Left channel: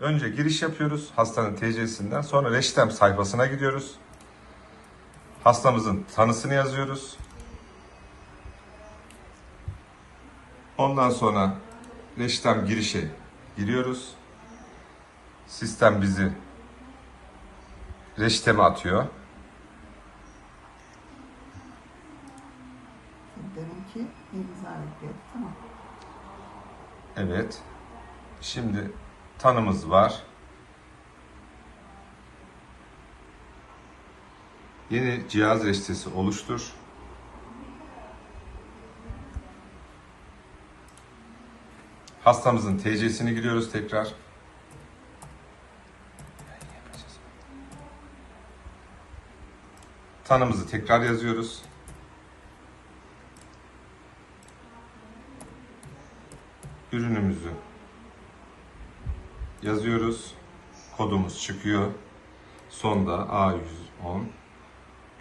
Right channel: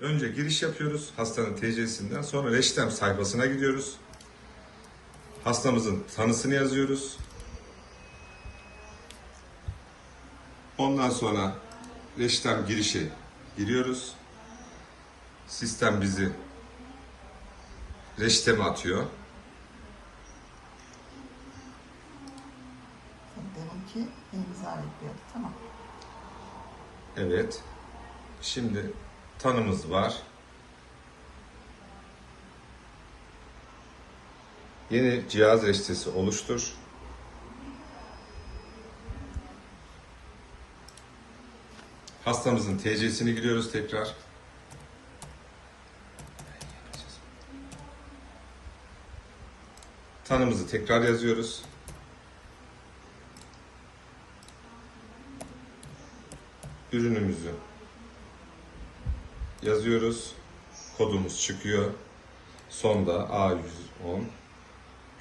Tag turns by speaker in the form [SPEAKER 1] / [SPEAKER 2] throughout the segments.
[SPEAKER 1] Önce giriş yapıyoruz hastanın TC'sinden. Sonra reçtem sayfasına gidiyoruz. Hastamızın tanısını yazıyoruz. Ondan sonra reçtem girişe giriyoruz. Sistem bizi reçteme atıyor.
[SPEAKER 2] Demek ki imza yapıyor. Tamam.
[SPEAKER 1] Evet. Şimdi tanımız var. Yeni cihaz reçetesi oluştur. Hastamızın TC'sini giriyoruz tekrar. Tanımızı tekrar yazıyoruz. ürünümüzü yazıyoruz. Kodumuz çıkıyor. Sonda A110.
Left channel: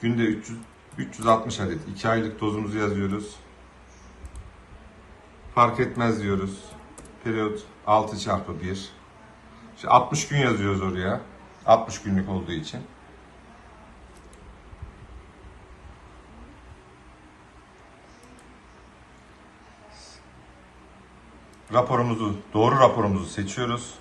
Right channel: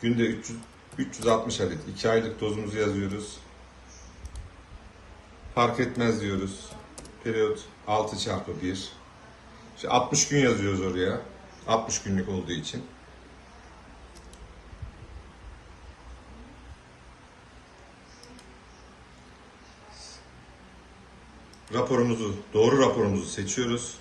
[SPEAKER 1] Günde 300, 360 adet 2 aylık dozumuzu yazıyoruz. Fark etmez diyoruz. Periyot 6 çarpı 1. İşte 60 gün yazıyoruz oraya. 60 günlük olduğu için. Raporumuzu, doğru raporumuzu seçiyoruz.